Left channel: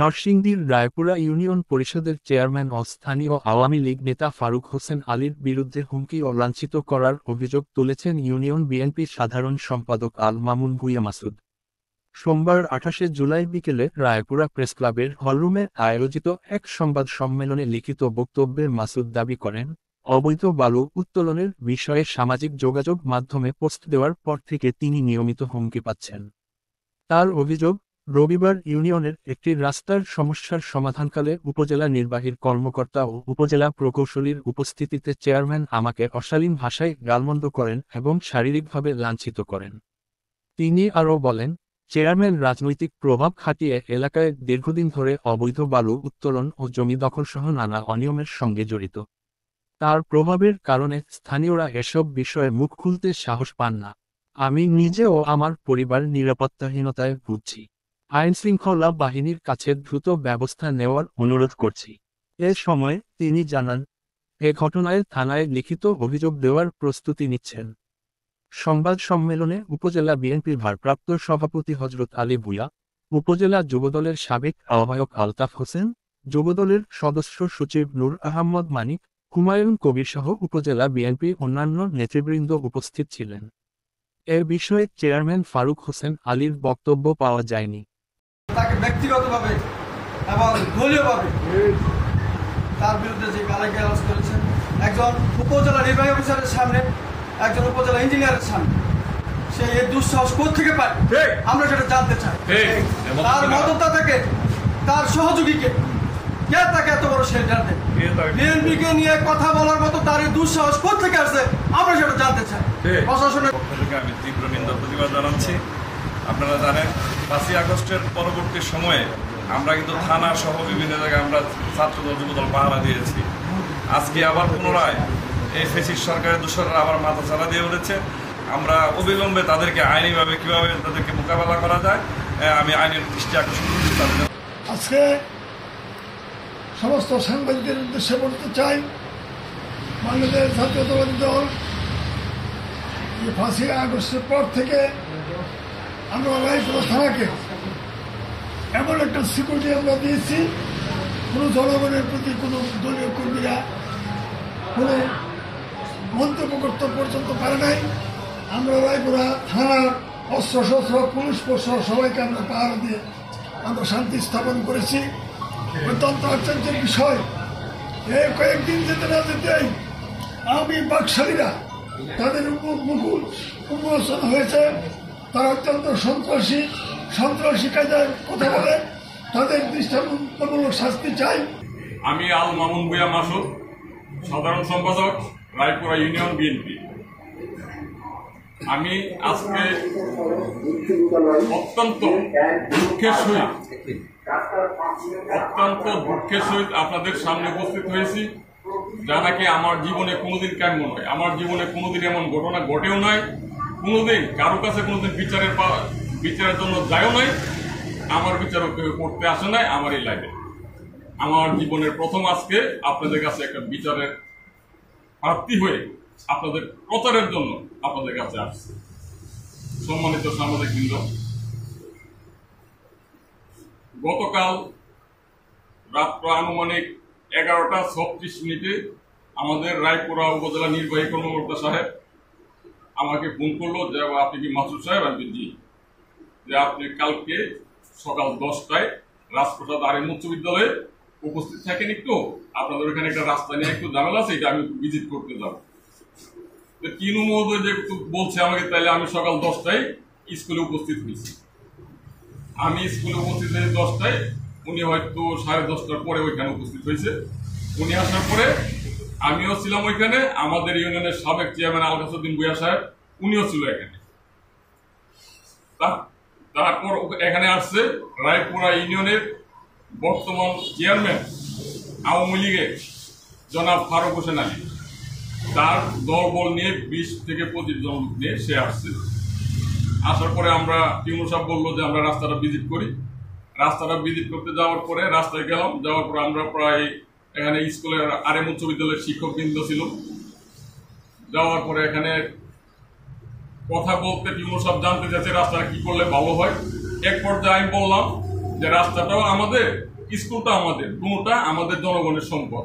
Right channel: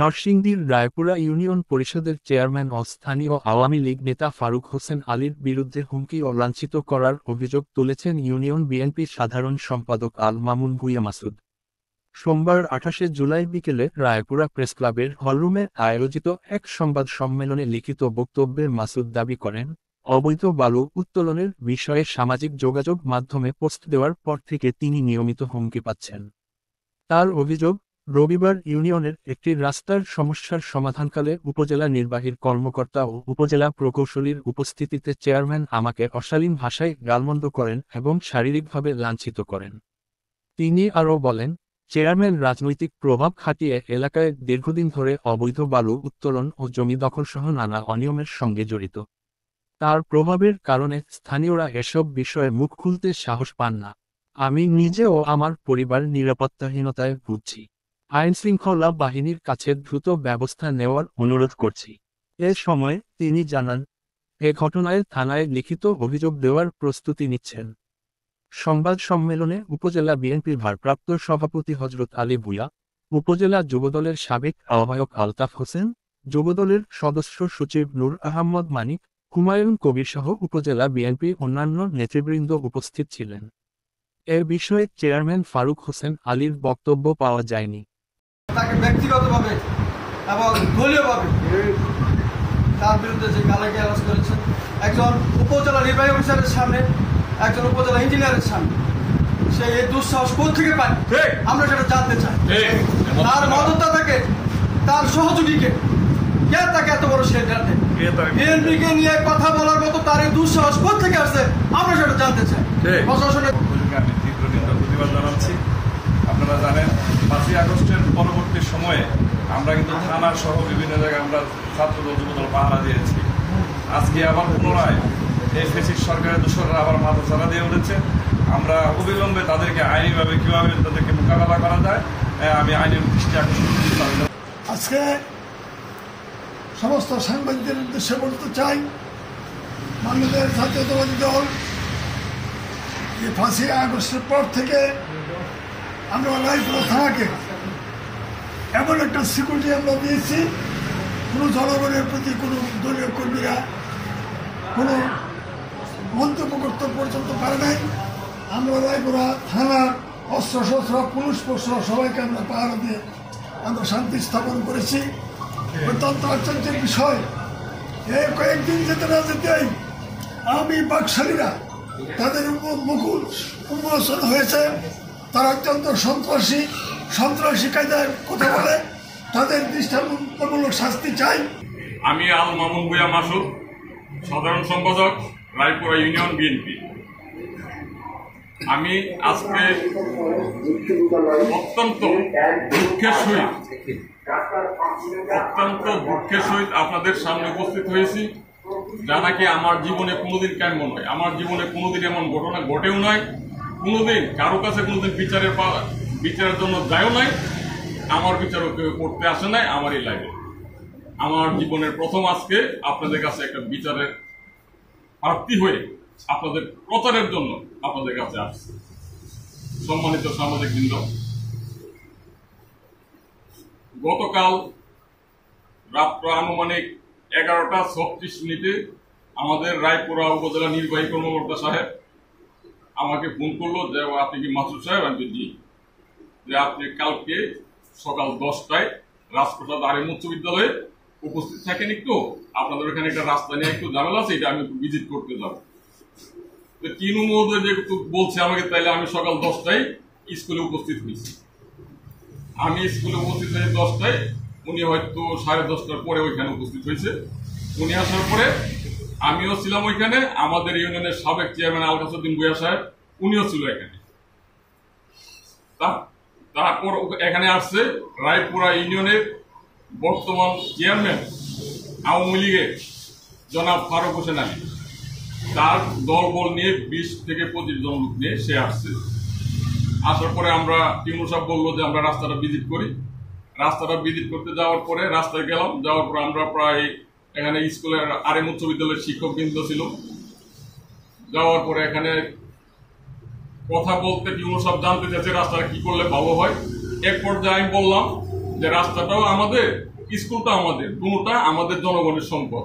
নরসিংদীর রায়পুরা ইউনিয়ন পরিষদের চেয়ারম্যান ও স্থানীয় আওয়ামী লীগ নেতা ফারুক হোসেন আলীর বিরুদ্ধে হুমকি ও লাঞ্ছিত করার অভিযোগ তুলেছেন ইউনিয়ন বিএনপির সাধারণ সম্পাদক আল মামুন ভূঁইয়া মাসুদ। সোমবার ২৮ জুলাই বিকেলে রায়পুরা প্রেসক্লাবের হলরুমে আয়োজিত এক সংবাদ সম্মেলনে লিখিত বক্তব্যে মাসুদ দাবি করেন, অবৈধ বালু উত্তোলনের বিষয়ে সামাজিক যোগাযোগ মাধ্যমে পোস্ট দেওয়ার পর থেকে তিনি নিয়মিত হুমকি পাচ্ছেন। তার অভিযোগ, রবিবার ইউনিয়নের একটি রাস্তার সমস্যার সমাধানকালে উপজেলা নির্বাহীর কর্মকর্তা ও উপজেলা প্রকৌশলীর উপস্থিতিতে চেয়ারম্যান আমাকে অশালীন ভাষায় গালমন্দ করেন এবং শারীরিকভাবে লাঞ্ছিত করেন। তিনি আরও বলেন, চেয়ারম্যান রাজনৈতিক প্রভাব খাটিয়ে এলাকায় দীর্ঘদিন ধরে অবৈধ বালু উত্তোলন ও জমি দখলসহ নানা অনিয়মের সঙ্গে জড়িত। তার প্রভাবের কারণে স্থানীয়রা এসব বিষয়ে মুখ খুলতে সাহস পান না। আমি নিজে ও আমার পরিবার নিরাপত্তাহীনতায় ভুগছি। আইনশৃঙ্খলা বাহিনীর কাছে দ্রুত ব্যবস্থা নেওয়ার অনুরোধ করছি। এ সময় তিনি জানান, এ ঘটনায় থানায় লিখিত অভিযোগ দেওয়ার প্রস্তুতি নিচ্ছেন। সংবাদ সম্মেলনে উপজেলা বিএনপির ভারপ্রাপ্ত সভাপতি হযরত আলী ভূঁইয়া, উপজেলা যুবদলের সাবেক আহ্বায়ক আলতাফ হোসেন, যুবদলের সদস্য সচিব নূর আহমদ মানিক, হুমায়ুন কবির সহ উপজেলা বিএনপি অন্যান্য নেতৃবৃন্দ উপস্থিত ছিলেন। এ বিষয়ে চেয়ারম্যান ফারুক হোসেন আলীর বক্তব্য পাওয়া যায়নি। তাকে ব্যক্তিগতভাবে এবং দলীয়ভাবে তার বিরুদ্ধে যে গালাগালাজ করেছেন একজন উপজেলা নির্বাহী অফিসারের সামনে, একজন উপজেলা ইঞ্জিনিয়ারের সামনে, সে এই দুঃসাহস কোত্থেকে পায় আমরা সেটা জানতে চাই। তার মদতদাতাকে, তার সহযোগীকে, কে তাকে এত বড় শেল্টার দেয়? বিএনপিকে নিয়ে কথা বলার মতো তার এই দুঃসাহস কোত্থেকে আসছে আমরা সেটা জানতে চাই। প্রশাসনের পক্ষ থেকে আমি তীব্র নিন্দা প্রতিবাদ জানাচ্ছি। আপনারা জানেন ৫ই আগস্টের পরবর্তী সময়ে আমরা কিন্তু থানা সহ বিভিন্ন জায়গায় আমরা ছাত্রদল যুবদল পাহারা দিয়েছি। আজকে আবার পুনরায় এই ফ্যাসিস্ট সরকারের দোসররা আবার মাথা চাড়া দিয়ে উঠেছে। আমরা অবিলম্বে তাদেরকে আইনিভাবে কিভাবে তাদেরকে মোকাবেলা করা যায় আমি আইনের দৃষ্টি আকর্ষণ করছি। আজকে সমস্ত সাংবাদিকদের উদ্দেশ্যে বলতে চাই, বাংলাদেশ জাতীয়তাবাদী দল এই ৫ই আগস্টের পর থেকে আমরা রায়পুরা থানাকে এমন একটা সিকিউরিটি আমরা দিয়েছি, কোনো জনগণের প্রতি কোনো দলীয় কর্মীরা কোনো মন্তব্য করতে পর্যন্ত পারে নাই। আমরা রায়পুরা থানার অস্ত্রশস্ত্র পুলিশ প্রশাসন সবাইকে আমরা পাহারা দিয়ে আমরা শান্তি স্থাপন করেছি। অত্যন্ত আশ্চর্যের বিষয়, এই কয়েকদিন যেতে না যেতেই আমি বাকশালীরা তাদের মুকুল উন্মোচন হয়েছে। তারা অত্যন্ত সন্ত্রাসী কায়দায় কথা বলে, তাদের দৃষ্টান্তমূলক শাস্তি চাই। আমি আল মামুন ভূঁইয়া মাসুদ, সাধারণ সম্পাদক রায়পুরা ইউনিয়ন বিএনপি। আমি আজকে অত্যন্ত দুঃখের সহিত আপনাদের সামনে উপস্থিত হয়েছি, যা নাকি আমার জীবনে কোনোদিন কাম্য নয়। আমার জীবনে কোনোদিন এমন ঘটনা ঘটেও নয়, কোনোদিন কারো কাছে কোনোদিন বিচারের জন্য যায়ও নাই, আমার বিচারও কেউ করতে আসে নাই আমার এই লাইফে। আমার জীবনের প্রথম আজকে আপনাদের কাছে একটা বিচারের প্রার্থী হয়ে আপনাদের প্রচারের জন্য আপনাদের কাছে আসছে। সম্মানিত সাংবাদিকবৃন্দ, গতকাল রাত্র আনুমানিক 11টা 36 আমাদের রায়পুরা উপজেলা নির্বাহী কর্মকর্তা সাহেব আমাকে ফোন করলো যে আপনি কি মাসুদ সাহেব? আমি জি। যে আপনি কালকে সকাল 10টায় রাজপ্রসাদ আরএম উচ্চ বিদ্যালয়ে উপস্থিত থাকেন, একটু আপনাদের ওখানে একটা রাস্তা নিয়ে একটু ঝামেলা আছে, এটা আমি একটু ভিজিট করতে যাবো। কিনু মহোদয় যেহেতু বলছে আমাকে, তাইলে আমি সকাল 10টায় স্কুলে উপস্থিত হয়েছি। আমি স্কুলে উপস্থিত হয়েছি 10টায়, উনি হয়তো 10:30টার পরে ওইখানে উপস্থিত হয়েছে। উনি আসার পরে আমিও ছিলাম ওইখানে, আমাদের ইউনিয়নের সাবেক চেয়ারম্যান আলকাসুদ্দিন ভূঁইয়া সাহেব উনিও ছিল এখানে। তারপর এখানে আসছে রায়পুরা ইউনিয়নের বর্তমান চেয়ারম্যান আওয়ামী লীগের জনাব ফারুক হোসেন আলী, তার দলবল নিয়ে 20 থেকে 25 জন লোক নিয়ে সে আসছে। আসার পরে আমরা টিউনু সাহেব বললো যে আমরা রাস্তাটা ভিজিট করি। রাস্তাটা ভিজিট করতে যাওয়ার পরে রাস্তায় গেলাম, যাওয়ার পরে আমরা প্রায় এখানে স্কুলের আরএম উচ্চ বিদ্যালয়ের শিক্ষকবৃন্দ ছিল। যাওয়ার পরে এখানে কথা বলতে টিউনু সাহেব জানতে চাইছে রাস্তাটা কি করলে ভালো হয়। এক পর্যায়ে আমি বললাম যে রাস্তাটাও আমাদের, স্কুলটা আমাদের, দুটোটা আমাদের জনগণের সম্পদ।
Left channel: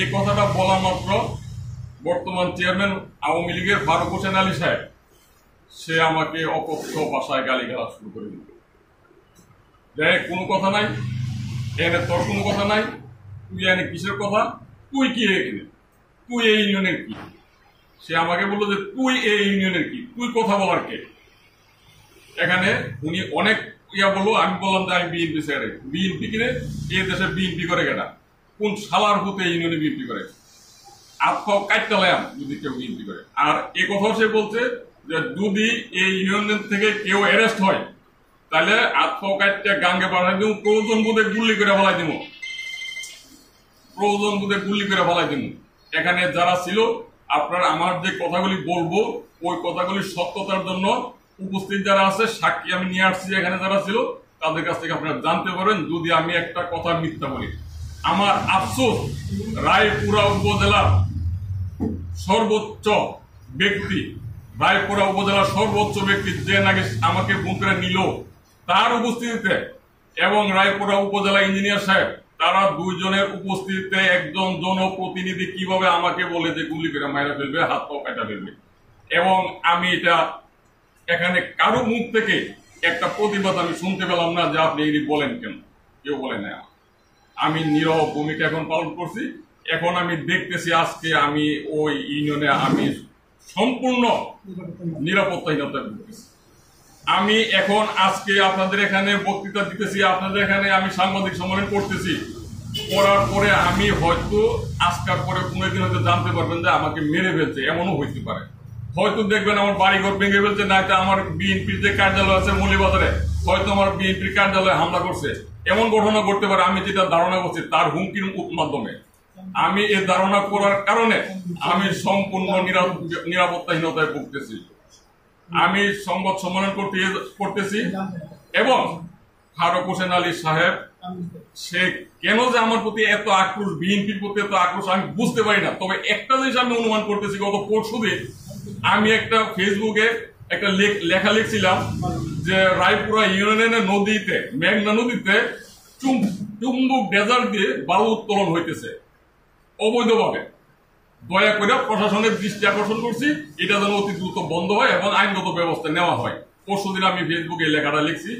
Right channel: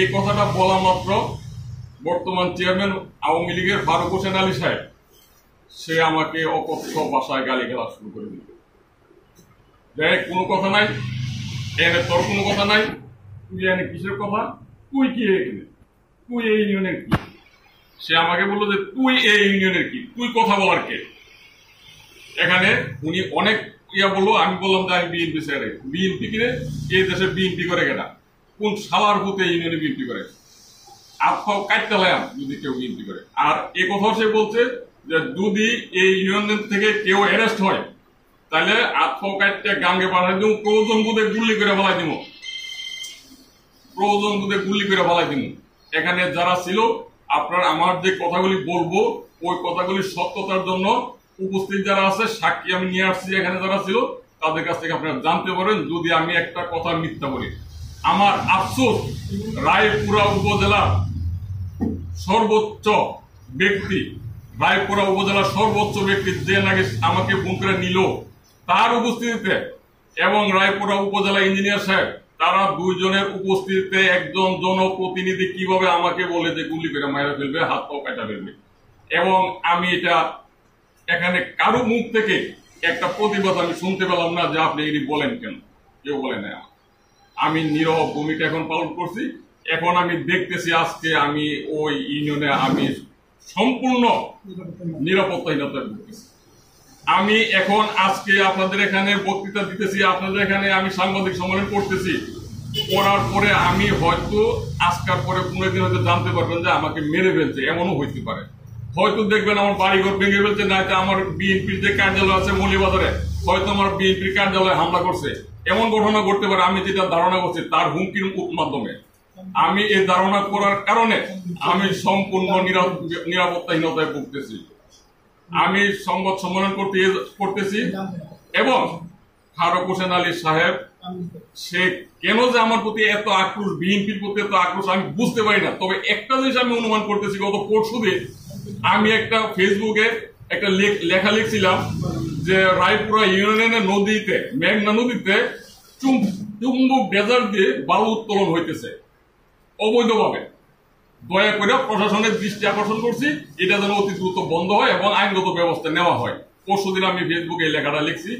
এই কথাটা বলা মাত্র বর্তমান চেয়ারম্যান আওয়ামী লীগের ফারুক হোসেন আলী সাহেব সে আমাকে অকথ্য ভাষায় গালিগালাজ শুরু করে দিল। দেখ, কোনো কথা নাই এনে, তোর কোনো কথা নাই, তুই এনে কিসের কথা, তুই কি এখানে, তুই এই ইউনিয়নের কি? সে আমাকে বললো যে তুই এই ইউনিয়নের কি, তুই কথা বলার কে? এখানে উনি অনেক বললো। আমি বললাম যে আমি বিএনপি স্যারে। বিএনপি কিনে এই দেশে বিএনপি করে কেনা? কোন শালার ভূতে ইউনিয়নে বিএনপি করে? আত্মাও কাটতালাম যদি কেউ বিএনপি করে। আর এ কথা সে বলছে যে যদি এই ইউনিয়ন থেকে কেউ অ্যারেস্ট হয় তাহলে আত্মাও কাটতে গাঙ্গে পাঠাই দিব, প্রয়োজন বোধে গুলি করে ফেলাই দিব, প্রয়োজন বোধে গুলি করে ফেলাই দিব। এখানে যারা ছিল, আপনার আমার যে কথাগুলি বলবো ওই কথাগুলি সত্যতার জন্য উপস্থিত যারা আছে, সাক্ষী আমি নিয়ে আসছি, এখানে যারা ছিল তাদের কাছ থেকে আপনারা জানতে পারেন যদি আমি একটা কথা মিথ্যা বলি। আমার আফসোস, রায়পুরা উপজেলার সর্বোচ্চ ব্যক্তি, রায়পুরা উপজেলার সর্বোচ্চ ব্যক্তি যে নাকি আমাকে ফোন করে নিল, তার উপস্থিতিতে এবং রায়পুরা উপজেলা ইঞ্জিনিয়ার সাহেব, তারা দুইজনের উপস্থিতিতে একজন জনপ্রতিনিধি কিভাবে আমাকে বলে যে গুলি করে মাইরা ফেলবে, হাত পাও কাটা ফেলবে। এবং আমি এটা এখানে কারো মুখ থেকে একটা প্রতিবাদ আমি শুনতে পেলাম না যে আপনি এটি বলেন কেন, কেউ বলে না। আমি নীরব ভূমিকা এখন পালন করছি। এখন আমি দেখতেছি আজকে আমি ওই ইউনিয়নে আমি সম্পূর্ণ নিরাপত্তাহীনতায় ভুগতেছি। আমি এখন আজকে আপনাদের এখানে বক্তৃতা দিতেছি, আপনাদের এখানে আমি সাংবাদিক সম্মেলন করতেছি, করার পরে আমি হয়তো আজকার পরে 15 দিন হয়তো জানতে পারবেন যে আমাকে মেরে ফেলছে, এমনও হইতে পারে। হয়তো দেখবেন আমার বাড়িঘর ভেঙে ফেলছে, নয়তো আমার বিএনপির যে কার্যালয় আছে মৌলিবাজারে, হয়তো আমার বিএনপির কার্যালয়ে হামলা করছে, এমন ঘটনা ঘটতে পারে। আমি যেটা ধারণা করছি তার হুমকির মাধ্যমে, আমি এই ধারণা করার কারণে আমি সম্পূর্ণ নিরাপত্তাহীনতায় ভুগতেছি। আমি সংবাদ সম্মেলন করতেছি এবং ফারুক হোসেন আলী সাহেব সে কেন যে আমার প্রতি এত আক্রোশ, বিএনপির প্রতি এত আক্রোশ আমি বুঝতে পারি না। তবে একটা জিনিস আমি অনুমান করতেছি, গত পরশুদিন আমি একটা ফেসবুকে একটা লেখা লিখছিলাম যে রায়পুরা ইউনিয়নের নদীতে, মেঘনা নদীতে চুম্বক ডেজার্ট দিয়ে বালু উত্তোলন হইতেছে অবৈধভাবে। দয়া করে প্রশাসনের দৃষ্টি আকর্ষণ করছি, এটা যেন অতি দ্রুত বন্ধ হয় এবং আইনগত ব্যবস্থা নেওয়া হয়। পরশুদিন আমি ফেসবুকে লেখাটা লিখছি।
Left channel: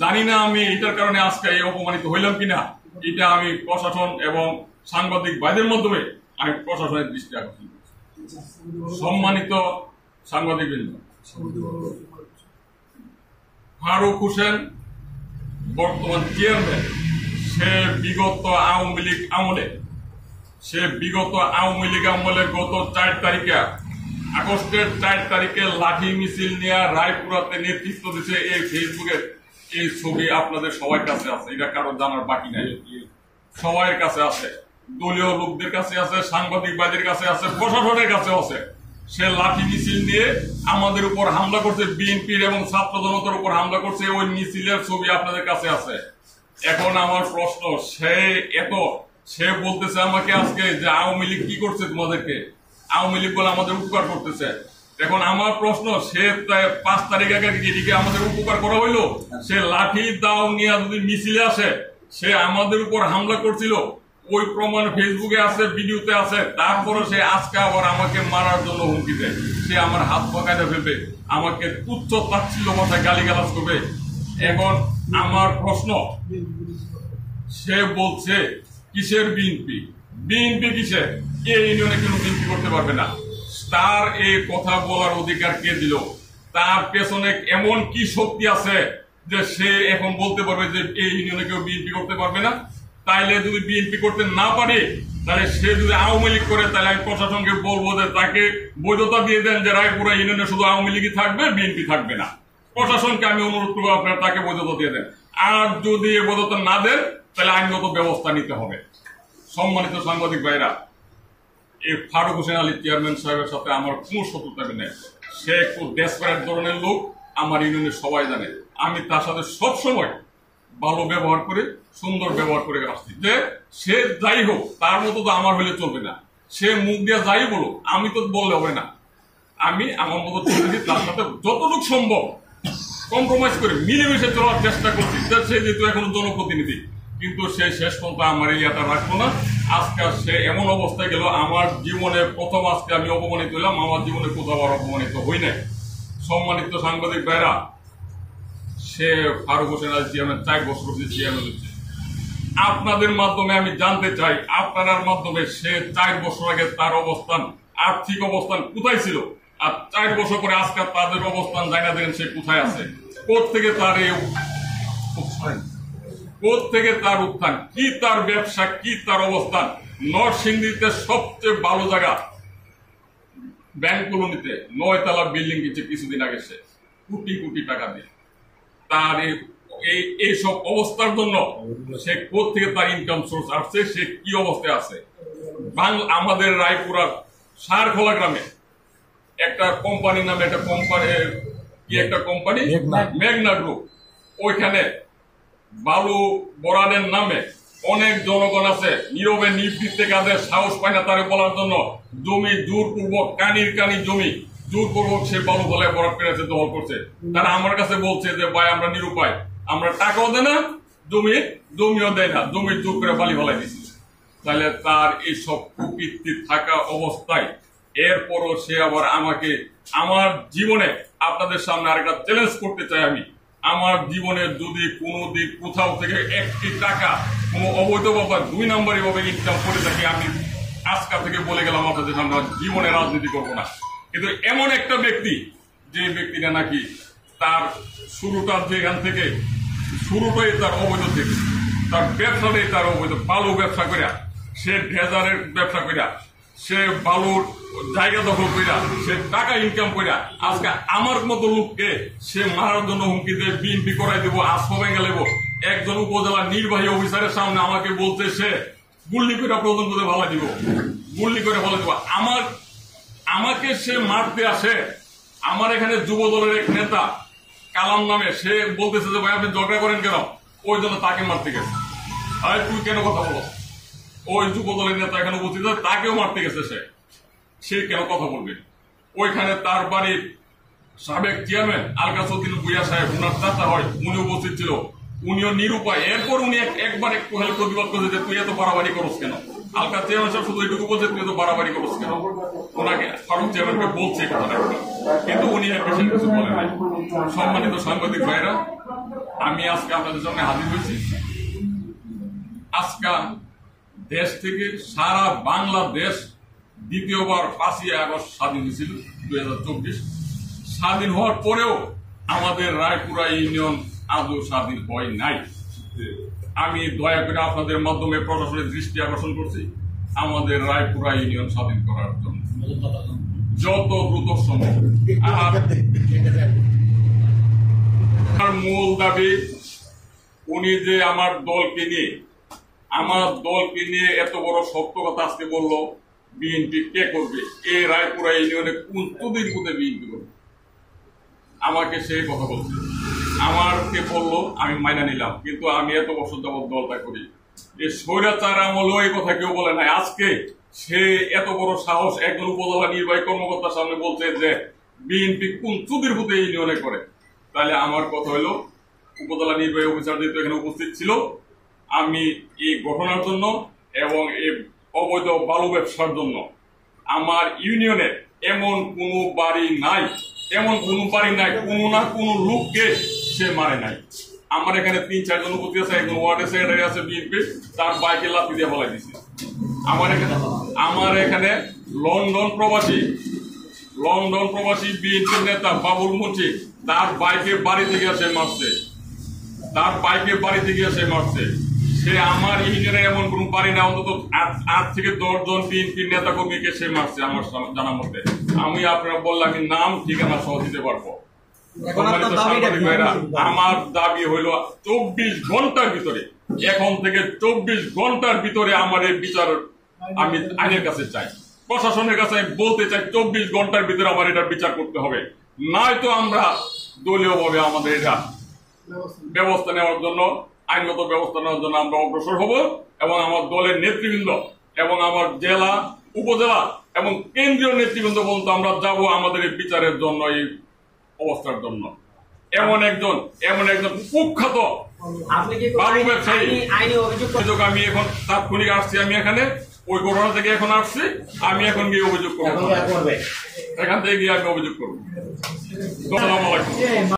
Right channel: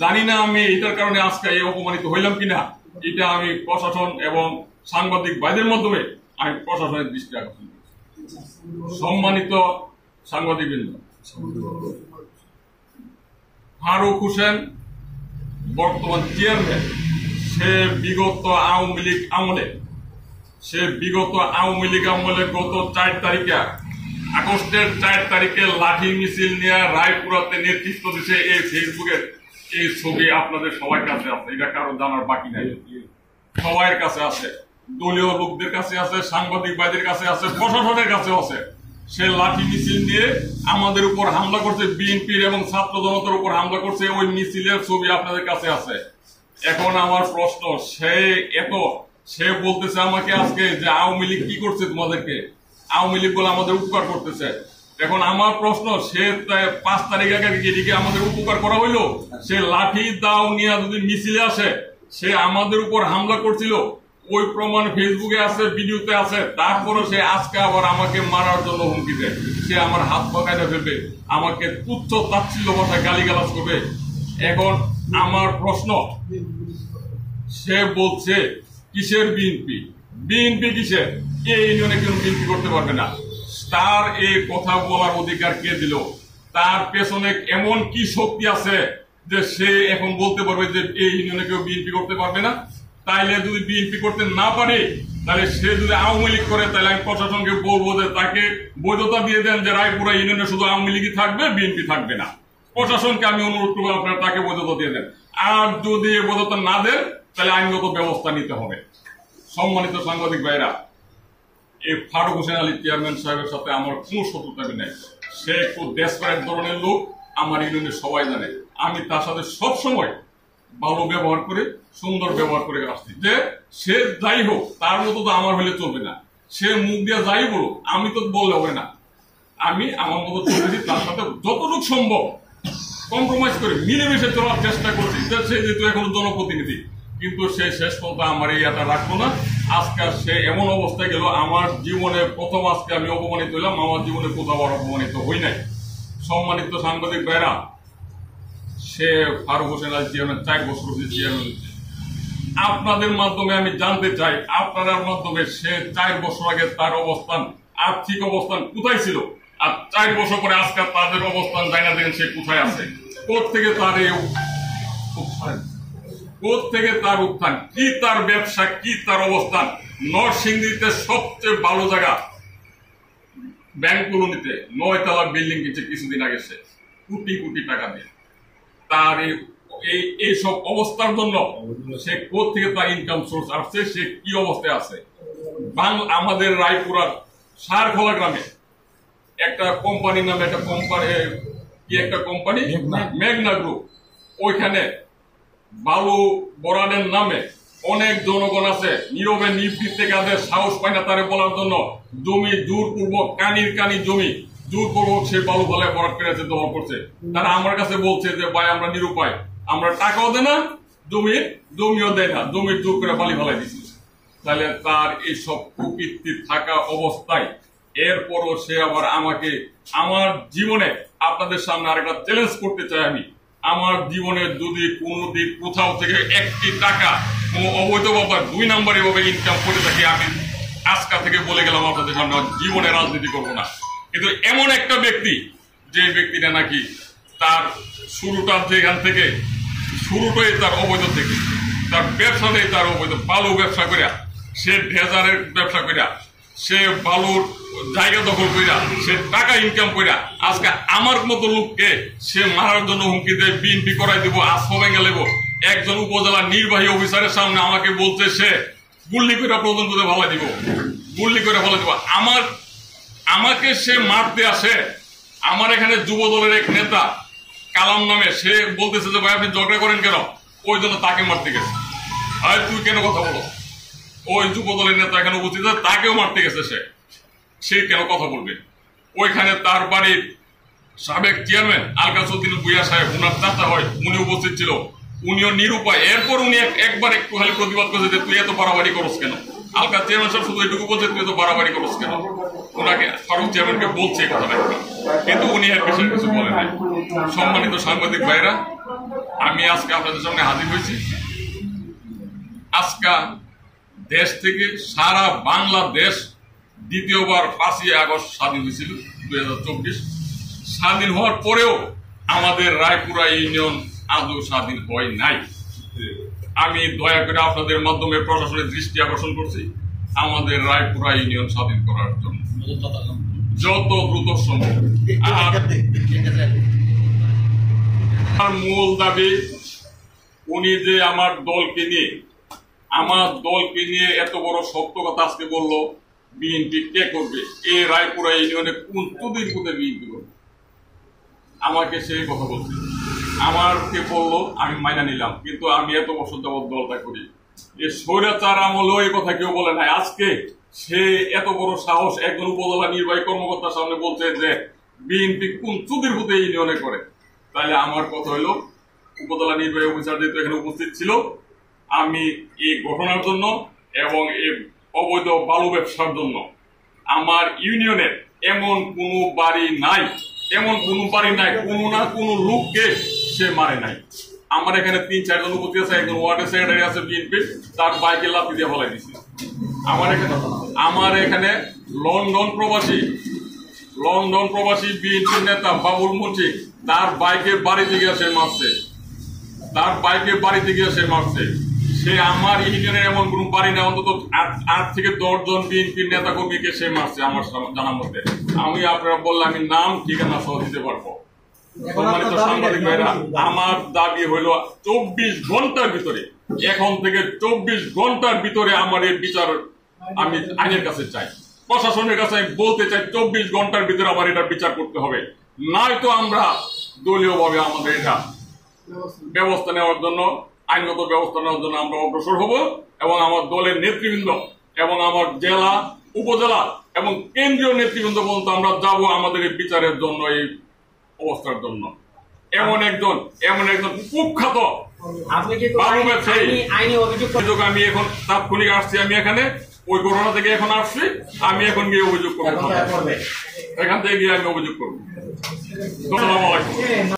জানি না আমি এটার কারণে আজকে এই অপমানিত হইলাম কিনা, এটা আমি প্রশাসন এবং সাংবাদিক ভাইদের মাধ্যমে আমি প্রশাসনের দৃষ্টি আকর্ষণ করছি। সম্মানিত সাংবাদিকবৃন্দ, ফারুক হোসেন বর্তমান চেয়ারম্যান, সে বিগত আওয়ামী লীগ আমলে গত 4 তারিখে, আগস্টের 4 তারিখে লাঠি মিছিল নিয়ে রায়পুরাতে নেতৃত্ব দিচ্ছে। এই ফেসবুকের এই ছবি আপনাদের সবার কাছে আছে, এটা কারো জানার বাকি নাই, সবার কাছে আছে, দলীয় লোকদের কাছে আছে, সাংবাদিক ভাইদের কাছে আছে, প্রশাসনের কাছে আছে। সে লাঠি মিছিল নিয়ে আমাদের উপর হামলা করছে, বিএনপির এবং ছাত্র জনতার উপর হামলা করছে, ওই মিছিলের ছবি আপনাদের কাছে আছে। এখন আমার প্রশ্ন, সে বলতেছে আমাকে আজকে যে আওয়ামী লীগ কি করছে তোমাদেরকে, আওয়ামী লীগ বলে আমাদের উপকার করতেছে। এখন আমার প্রশ্ন, সে 5 তারিখ আগে এদিকে আমাদের উপকার করা হইলো, সে লাঠি দাও নিয়ে যদি মিছিলে আসে, সে আমাদের উপর হামলা করছিল, ওই প্রমাণ ফেসবুকে আছে, ভিডিওতে আছে। তারপরে সে আজকে আবার আমাকে মারার জন্য হুমকি দেয়, সে আমার হাত পাকাইতে ফেলবে, আমাকে তুচ্ছ তাচ্ছিল্য ভাষায় গালিগালাজ করবে। এখন আমার প্রশ্ন, সে বলছে কিসের বিএনপি, বিএনপি কিসের? এই ইউনিয়নে কোনো বিএনপি করতে পারবে না। তার এই কথা বলার অধিকার কে দিল? তার পেছনে এমন কি শক্তি আছে যে সে এখন বলতে পারবে যে এই ইউনিয়নে কেউ বিএনপি করতে পারবে না? তাইলে যদি বিএনপি করতে না পারে, তাহলে সে যদি আওয়ামী লীগ করে, তাহলে আমি প্রশাসনকে বলবো যে তাকে বৈধতা দিয়ে দেন যে রায়পুরা ইউনিয়নে শুধু আওয়ামী লীগই থাকবে, বিএনপি থাকবে না। প্রশাসনকে আমি অনুরোধ করবো আপনারা তাকে বৈধতা দিয়ে দেন। আর যদি বৈধতা না দেন, তাহলে আইনগত ব্যবস্থা নিতে হবে। সম্মানিত সাংবাদিক ভাইরা, এই ফারুক হোসেন আলী চেয়ারম্যান সাহেবের সাথে আমার কোনো শত্রুতা নেই। সে একটু ডেসপারেট ধরনের লোক, আমার ইউনিয়নের সবাই জানে। আমি তার সাথে সবসময় ভালো ব্যবহার করে, সুন্দর ব্যবহার করে আসছি। যে সে যাই হোক, তার মতো তো আমার হলে চলবে না। সে মুখ দিয়ে যাই বলো, আমি তো বললে হবে না। আমি আমার মতো চলতেছি, তার সাথে যতটুকু সম্ভব কম্প্রোমাইজ করে মিলেমিশে চলার চেষ্টা করছি। সে যেহেতু এখন জনপ্রতিনিধি, কিন্তু সে শেষ পর্যন্ত আমার এই এটা রাখলো না। আজকে সে এমন অবস্থায় গেল, আমার জীবনে প্রথম আজকে আমি অপমানিত হইলাম। আমার জীবনে কোথাও আর অপমানিত হই নাই। সম্মানিত সাংবাদিক ভাইরা, সে ফারুক হোসেন আলী চেয়ারম্যান 4 বছর চেয়ারম্যান হচ্ছে। আপনাদের মাধ্যমে আমি জানতে চাই, আপনার মাধ্যমে সে 4 বছর আগে তার অবস্থান, আর্থিক অবস্থান কোথায় ছিল, আর 4 বছর পরে আজকে তাদের অবস্থান জানা দেন সে কোথায় আছে, কোত্থেকে তার এই উত্থান, কোত্থেকে তার উত্থান, কি তার ব্যবসা, কি তার অবস্থান। নরসিংদীতে সবচেয়ে ভালো জায়গা ব্যাংক কলোনিতে 9 তলা বিল্ডিং কিনছে কিছুদিন আগে সে, কোটি কোটি টাকা দিয়ে। তার এইসব অবস্থার জন্য সে কোত্থেকে তার ইনকাম সোর্স আসছে, সে কি অবস্থায় আছে। আমাদের রায়পুরার সারখোলা গ্রামে একটা কোম্পানি নামে একটা কোম্পানি মেঘনা গ্রুপ, ওইখানে বালু বরানের নামে অনেক জনগণ আছে, নীরবে নিবৃত্তে কাদের সাহস পায় না তারে বলার জন্য। জমি জোরপূর্বক, কানি জমি জোরপূর্বক সে বালু ফলায় বরাদ পেরেছে, দখল করছে। তারা আমার কাছে বলছে যে ভাই আমরা নিরুপায়, আমরা টাকাও দেয় না, জমিও দেয় না, জমির জোর করে বালি ফেলাই দিচ্ছি। তাহলে তার এইসব কুকীর্তি থাকা অবস্থায় এরপরও সে আবার আমাকে, আমার জীবনে আপনাদের সামনে আরেকটা চ্যালেঞ্জ করতে চাই আমি, আমার জীবনে যদি কোনো দিক কোথাও থেকে 1টি টাকা কোনো অবৈধভাবে 2 নম্বরই ভাবে ইনকাম করে থাকি, আমি আজকাল থেকে বলে গেলাম আপনাদের সামনে জীবনে রাজনীতি করবো না। কিন্তু এমন একটা ব্যক্তি, যে ব্যক্তিটা নাকি তার শুরুটা যেখান থেকে, শুরুটাই তার অবৈধ থেকে, তার ব্যবসাটাই তার অবৈধ, বালু ব্যবসা করিয়া, সে ডেজারের ব্যবসা করিয়া, সে বালুর জায়গা দখল করিয়া, সে টাকা ইনকাম করিয়া, আজকে আমার মতো লোককে সে মারার জন্য হুমকি দেয়, বিএনপি করাই দেবো, আসফা ভেঙে নেবো। একজন উপজেলা নির্বাহী অফিসারের সামনে আমাকে বলছে সে গুল্লি করে পর্যন্ত ভালো দিব, গুল্লি করে ভালো দিব। আমাকে সে মারতে আসে। আমার এখানে যুব দলের এক নেতা কালাম নামে, সে বলতেছে যে ভাই আপনি ঝগড়া করেন কেন, ওই জন্য তাকে মারতে গেছে। আরে তুই কেন কথা বলো, ওই যুব দলের নেতা এখানে উপস্থিত আছে, তাকেও মারতে গেছে সে কেন কথা বলবে। ওইখানে তার বাড়ির সাবেক চেয়ারম্যান আলকাসউদ্দিন ভূঁইয়া সাহেব, উনার চাচা হয়, উনি উপস্থিত ছিল, উনিও নিরুপায়। এরপর উনি একবার একটু খালি প্রতিবাদ করেছে যে তুই এত বাড়াবাড়ি করস কেন। আলকা চেয়ারম্যান সাহেব শুধু এটুকু বলছে তুই এত বাড়াবাড়ি করস কেন, ওনাকে ফারুক চেয়ারম্যানকে বলছে এই কথাটা, কিন্তু উনি আর বিশেষ কিছু বলে নাই। সম্মানিত সাংবাদিক ভাইরা, আমি আজকে আপনাদের সামনে হাজির হয়েছি। আজকে দেশ থেকে সারা বাংলাদেশ দ্বিতীয়বার 5ই আগস্ট স্বাধীন হয়েছিল 2024। স্বাধীন হওয়ার পরেও আমাদের রায়পুরা ইউনিয়ন আজও স্বাধীন হয় নাই। আমি দয়া করে আপনাদের মাধ্যমে প্রশাসনের দৃষ্টি আকর্ষণ করছি আমাদের রায়পুরা ইউনিয়ন স্বাধীন করার জন্য যত দ্রুত সম্ভব। আর মূল দাবি, উনি যে আমার দলকে নিয়ে এত বড় সত্য কথা আজকে বললো, বিএনপি কে করবে, এই রায়পুরা ইউনিয়নে কোন চুদির মধ্যে বিএনপি করবে, আমাকে সেই কথা বলছে। আমাকে বললো, আমি মাইনা নিলাম, কিন্তু আমি এত বছর যাবৎ দলটা করি, এই স্বৈরাচার আমলেও এই কথা কেউ বলে নাই। আজকে সে এত বড় সাহস একজন উপজেলা নির্বাহী কর্মকর্তার সামনে বলছে যে বিএনপি কোন চুদির মধ্যে ইউনিয়নে করে। তাহলে আমার কথা হইল, উপজেলা নির্বাহী অফিসার যেহেতু এখানে উপস্থিত ছিল, আমি এই ঘটনার জন্য এবং এই অবৈধ বালু ব্যবসার জন্য আমার ইউনিয়নের এমন কোনো বাড়ি নাই, কোনো না কোনো লোককে সে মারে নাই। আমার এখানে 3-4 জন উপস্থিত আছে, একজন ওয়ার্ডের সেক্রেটারি আছে বিএনপি, তার বাইকে লাথি দিয়ে ফলাই দিছে। আমার এখানে লন্ডন প্রবাসী বিএনপি নেতা বাবুল মুন্সি, তার বাইকে বাড়িতে গিয়ে সে মারছে, সে আমার ইউনিয়নের এমন কোন বাড়ি না, অন্তত 8 থেকে 10 জন বিএনপি নেতা কর্মীকে সে মারছে আমার জানার মধ্যে। আমি আপনারা বললে আমি নাম ঠিকানা সহ দিতে পারবো। সম্মানিত সাংবাদিক ভাইরা, আমার দাবি হইল 24 ঘন্টার ভিতরে, এখন থেকে 24 ঘন্টার ভিতরে আমার এই বিচার আমি আইনের কাছে চাই, প্রশাসনের কাছে আমি বলতে চাই 24 ঘন্টার ভিতরে আমার এটার বিচার করতে হবে। নয়তো আমরা দলীয় ভাবে আমাদের এটা ব্যবস্থা নেওয়ার জন্য, আইনগত ব্যবস্থা নেওয়ার জন্য আমরা অগ্রসর হব, এবং আমার দলের নেতৃবৃন্দ এবং আমার জেলা, উপজেলা এবং কেন্দ্রীয় নেতৃবৃন্দ পর্যন্ত আমরা যাব আমাদের এই বিচারের জন্য, এই অবস্থার জন্য। এমন একজন কুখ্যাত আপনি কি বাবু ব্যবসায়ী আইনি অভিযোগ আমি এখন তাৎক্ষণিক আসছি, আমি এখানে ওই ঘটনা থেকে এখন আসছি, আমি এখন গিয়ে অভিযোগ করবো, এখান থেকে গিয়ে আমি অভিযোগ করবো। আসসালামু আলাইকুম।